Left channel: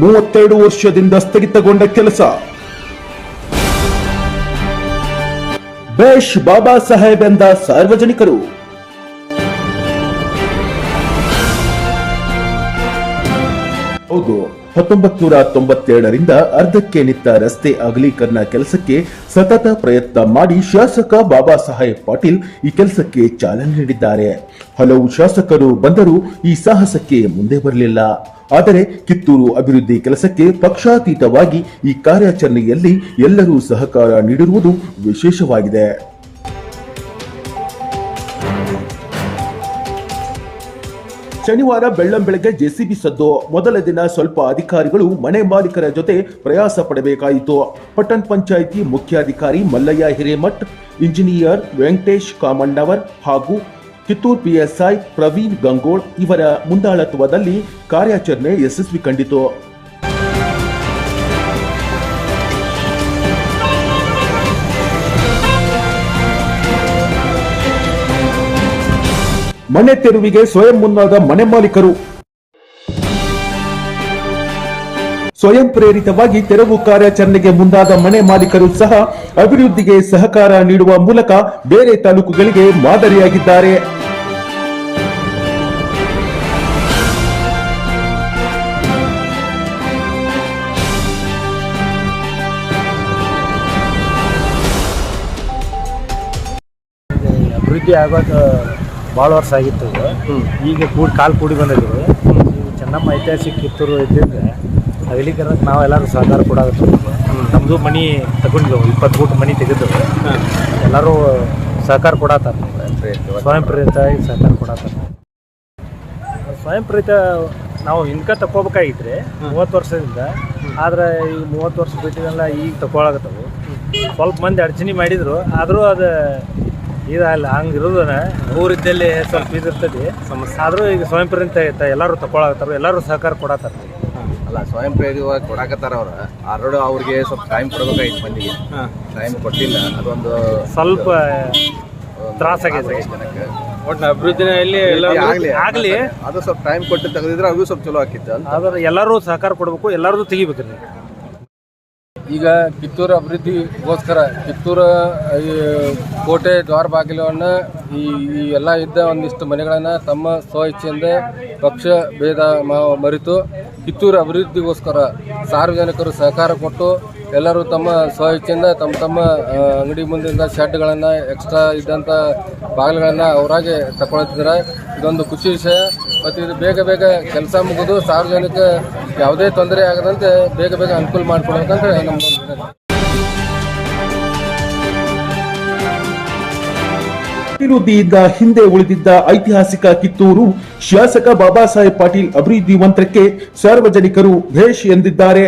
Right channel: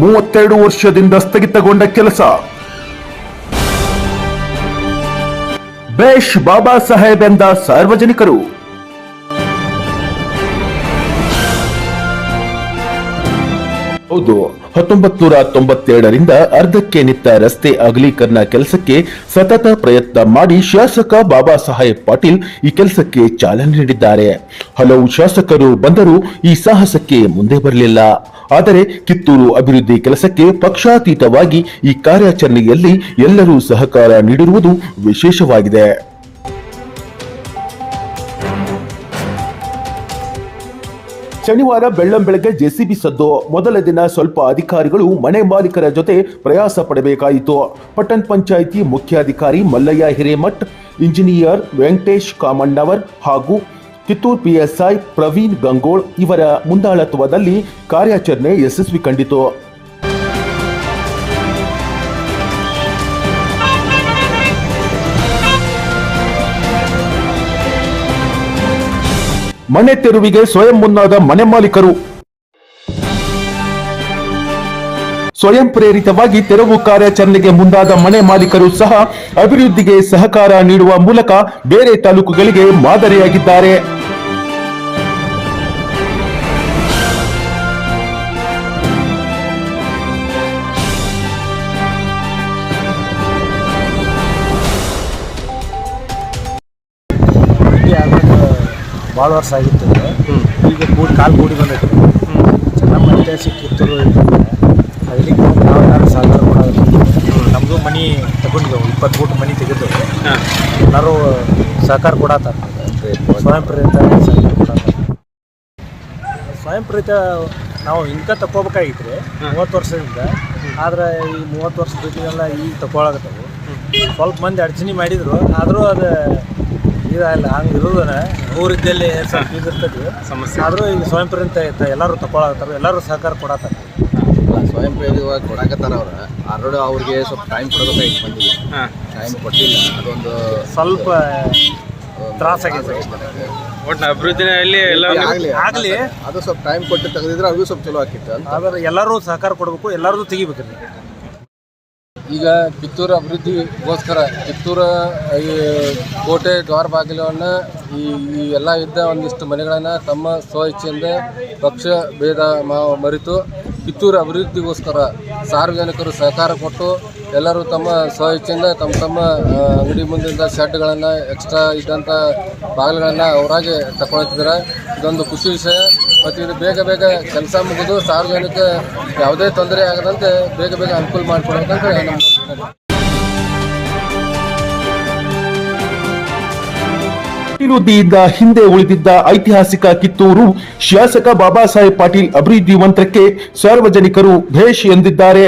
32 ವರ್ಷದಿಂದ ಸ್ಥಗಿತಗೊಂಡ ಕೆಲಸ. ಬೇಷ್ ಬಾಬಾ ಸಾಹೇಬ್ ಎಂದ ಸಾರ್ವಜನಿಕರು. ಹೌದು, 1997ರಿಂದ ಅರ್ಧಕ್ಕೆ ನಿಂತ ರಸ್ತೆ ಅಗಲೀಕರಣ ಕೆಲಸಕ್ಕೆ ಸತತ ಪ್ರಯತ್ನ ಮಾಡಿ ಶಾಸಕ ಬಾಬಾ ಸಾಹೇಬ್ ಪಾಟೀಲ್ ಈ ಕೆಲಸಕ್ಕೆ ಚಾಲನೆ ನೀಡಿದ್ದಾರೆ. ಹಲವು ಶಾಸಕರು ಬಂದರೂ ಈ ಸಾಹಸಕ್ಕೆ ಮುಂದೆ ಬರಲಿಲ್ಲ. ಆದರೆ ಕಿತ್ತೂರು ಅಭಿವೃದ್ಧಿ ಕೆಲಸಕ್ಕೆ ಪಕ್ಷಾತೀತವಾಗಿ ಈ ಕಾರ್ಯಾಚರಣೆಯಲ್ಲಿ ಎಲ್ಲರೂ ಸಹಕಾರ ನೀಡಿರುವುದು ವಿಶೇಷವಾಗಿದೆ. ಶನಿವಾರ ಬೆಳ್ಳಂಬೆಳಗ್ಗೆ ಜೆಸಿಬಿ ಸದ್ದು. ಮೊದಲ ದಿನ ಸ್ವಲ್ಪ ಅಧಿಕಾರಿಗಳು ಮನೆ ಮಾಲೀಕರ ಜೊತೆ ಪ್ರಯಾಸ ಪಡಬೇಕಾಯಿತು. ಪಟ್ಟಣ ಪಂಚಾಯಿತಿ ಮುಖ್ಯಾಧಿಕಾರಿ ಮಲ್ಲಯ್ಯ ಹಿರೇಮಠ್, ಇಂಜಿನಿಯರ್ ವೆಂಕಟೇಶ್ ಕಾಮಣ್ಣವರ್ ಹಾಗೂ ಕಿತ್ತೂರು ಪಿಎಸ್ಐ ಪ್ರವೀಣ್ ಗಂಗೋಳ್ ಇವರ ಮುಂದಾಳತ್ವದಲ್ಲಿ ಕಾರ್ಯಾಚರಣೆ ಯಶಸ್ವಿ ಕಂಡಿತು. ಮನೆ ತೆರವಿಗೆ ಸ್ವಯಂ ಮುಂದಾದ ಮನೆ ಮಾಲೀಕರು. ಸ್ವಯಂ ಪ್ರೇರಿತವಾಗಿ ತೆರವು ಕಾರ್ಯಾಚರಣೆಗೆ ಮುಂದಾದ ಮನೆ ಮಾಲೀಕರು ಸಹ ಅಭಿವೃದ್ಧಿಗೆ ಸಹಕಾರ ನೀಡುವ ಮೂಲಕ ಬೇರೆ ತಾಲೂಕುಗಳಿಗೆ ಮಾದರಿಯಾಗಿದ್ದಾರೆ. ಅಭಿವೃದ್ಧಿ ಆಗೋದು ಭಾಳ ವರ್ಷ ಆಗಿತ್ತು. ಈಗ ಕಾಲು ಕೂಡಿ ಬಂದಿದ್ರು. ಚೆನ್ನಮ್ಮ ಐತಿಹಾಸಿಕ ಕಿತ್ತೂರು ಇದ್ದಂಗೆ ಅದಕ್ಕೆ ನಾವೆಲ್ಲರೂ ಸಹಕಾರ ಕೊಡೋದು. ನಮ್ಮದು ಮನೆ ತಗೊಂಡಿದ್ದೆವು, 20 ಫೂಟ್ ಮನೆ ತೆಗೆದೆವು. ಎಲ್ಲರೂ ಸಹಕಾರ ಕೊಡತ್ತಾರೆ, ಸ್ವಯಂ ಪ್ರೇರಿತ ಸಹಕಾರ ಕೊಡತ್ತಾರೆ. ಸ್ವಯಂ ಪ್ರೇರಿತ ನಾವು ಇನ್ಕ ತಗೋಬೇಕಾಗಿತ್ತು 30 ವರ್ಷದಿಂದ. ಆದ್ರೆ ಈಗ 30 ವರ್ಷ ಬಿಟ್ಟಿಗೆಲ್ಲ ಈಗ ತಗೊಳಕತ್ತವು. ಸ್ವಲ್ಪ ಮಂದಿ ಅಡಚಣೆ ಮಾಡಿದ್ರು, ಆದರೂ ಅದು ಇದಲ್ಲ ಹಂಗೆ ಇರೋದನ್ನ ಊರಿದ್ದಲ್ಲಿ ಸ್ವಲ್ಪ ಇದಿರ್ತದೆ ಸಮಸ್ಯೆ. ಆದರೂ ಈಗ ಸ್ವಯಂ ಪ್ರೇರಿತ ಐತೆ, ಎಲ್ಲರೂ ತಗೊಳಕತ್ತಾರ, ಎಲ್ಲರೂ ಸಹಕಾರ ಕೊಡತ್ತಾರ. ಸ್ವಯಂ ಪ್ರೇರಿತವಾಗಿ ಕೊಡಕತ್ತಾರ. ಆಲ್ರೆಡಿ ಅವ್ರಿಗೆ ಸ್ವಲ್ಪ ಟೈಮ್ ಕೊಡಬೇಕಾಗಿತ್ತು, ಮಂದಿಗೆ ಟೈಮ್ ಕೊಟ್ಟಿಲ್ಲ. ಅದೊಂದು ಸ್ವಲ್ಪ ತ್ರಾಸಾಗಿದೆ ಜನಕ್ಕೆ. ಒಟ್ಟು ಅಭಿವೃದ್ಧಿನಲ್ಲಿ ಆಗಲಿ ಅದು ಸ್ವಲ್ಪ ಟೈಮ್ ಕೊಟ್ಟು ತೆಗೆದಿದ್ರೆ ಅವ್ರಿಗೂ ಸ್ವಲ್ಪ ಚಲೋ ಆಕಿತ್ತು ಅಂತ. ಆದ್ರೆ ಎಲ್ಲರೂ ಸಹಕಾರ ಕೊಡಬೇಕು, ಎಲ್ಲರದು ತೆಗಿಬೇಕ್ರಿ. ಈಗ ಕಿತ್ತೂರು ಅಭಿವೃದ್ಧಿಗೋಸ್ಕರ ಕಿತ್ತೂರು ಕೋಟೆ ದ್ವಾರ ಬಾಗಿಲನ್ನು ಈ ಎಲ್ಲ ಇದ್ದ ಒಂದಿಷ್ಟು ಮನೆಗಳನ್ನು ತಮ್ಮ ಸ್ವ ಇಚ್ಛೆಯಿಂದ ಪಕ್ಷ ಭೇದ ಮರೆತು ಕಿತ್ತೂರು ಅಭಿವೃದ್ಧಿಗೋಸ್ಕರ ಸಾರ್ವಜನಿಕರು ಸಹಕಾರ ಕೊಟ್ಟು ಎಲ್ಲರೂ ತಮ್ಮ ಸ್ವ ಇಚ್ಛೆಯಿಂದ ತಮ್ಮ ಅಂಗಡಿ ಮುಂದಿನ ಶೆಡ್ಗಳನ್ನು ಎಕ್ಸ್ಟ್ರಾ ಇದ್ದಂಥ ಬಾಗಿಲುಗಳನ್ನು ಅವರಾಗೆ ತಗೊಳ್ತಿದ್ದಾರೆ. ಇದೊಂದು ಖುಷಿ ವಿಷಯ. ಮತ್ತು ಇದು ಬೇಗ ಕೆಲಸ ಮುಗಿದು ಸಾರ್ವಜನಿಕ ಯಾವುದೇ ತೊಂದರೆ ಆಗದಂತೆ ಬೇಗ ಅನುಕೂಲ ಮಾಡಿಕೊಡ್ಬೇಕಂತ ನಮ್ಮ ಅಭಿವೃದ್ಧಿಯಿಂದ ಹಿಂದೆ ಉಳಿದಿದ್ದ ಐತಿಹಾಸಿಕ ಕಿತ್ತೂರು ಶಾಸಕ ಬಾಬಾ ಸಾಹೇಬ್ ಪಾಟೀಲ್ ಅಭಿವೃದ್ಧಿ ಮಂತ್ರಕ್ಕೆ ಸಾರ್ವಜನಿಕರು ಭೇಷ್ ಎಂದಿದ್ದಾರೆ.